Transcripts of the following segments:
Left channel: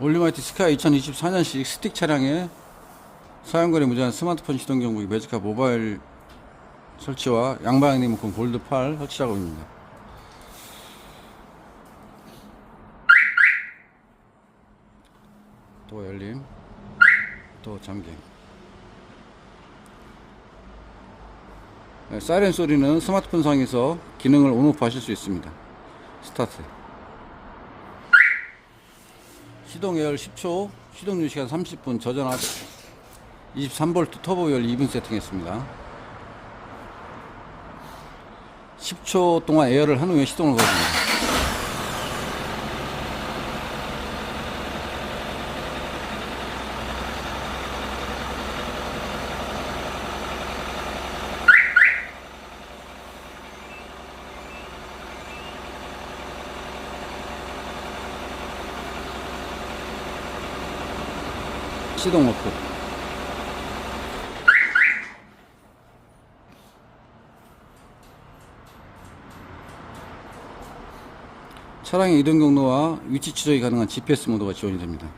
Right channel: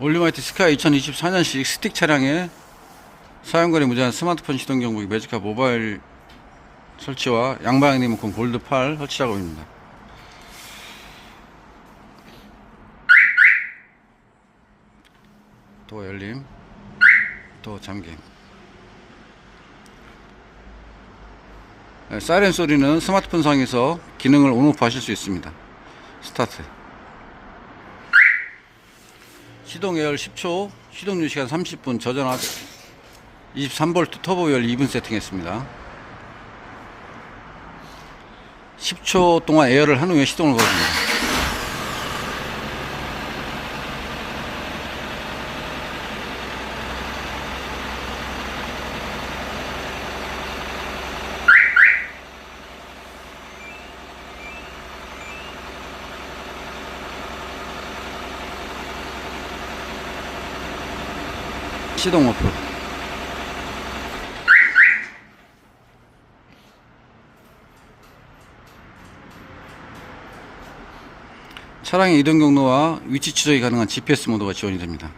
올리마이트 스카이 2024년식 스틱 차량에 사용거리 무제한 스마트폰 시동 경보기 매직카 모바일 설치와 양방향 리모컨 골드 8 설치 작업입니다. 또 열림, 또 잠김. 네, 사이렌 소리는 스마트폰 상에서 기능을 온오프 하실 수 있습니다. 스타트. 시동 예열 10초, 시동 유지시간 30분, 저전압 23V 터보 열 2분 세팅했습니다. 10초 동안 에어를 한 후에 시동을 걸습니다. 시동 오프. 차량의 이동 경로와 위치 추적이 가능한 GPS 모드가 지원이 됩니다.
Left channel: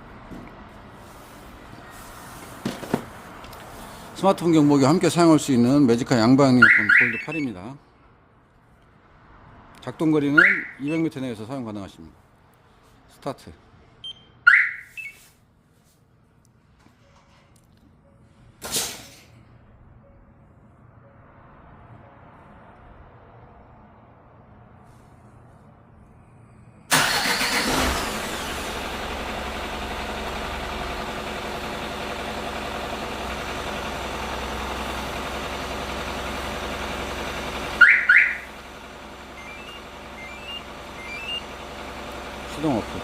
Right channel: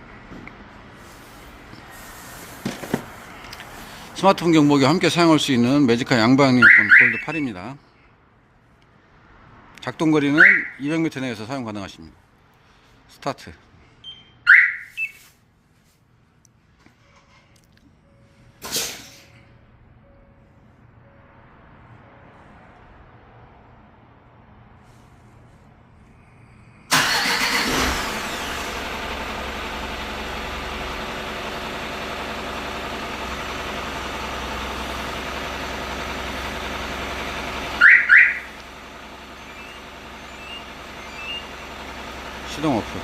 스마트폰 경보기와 함께 사용할 수 있는 매직카 양방 리모컨 골드 8입니다. 작동거리는 200m 내에서 사용 가능하십니다. 스타트. 시동 오프.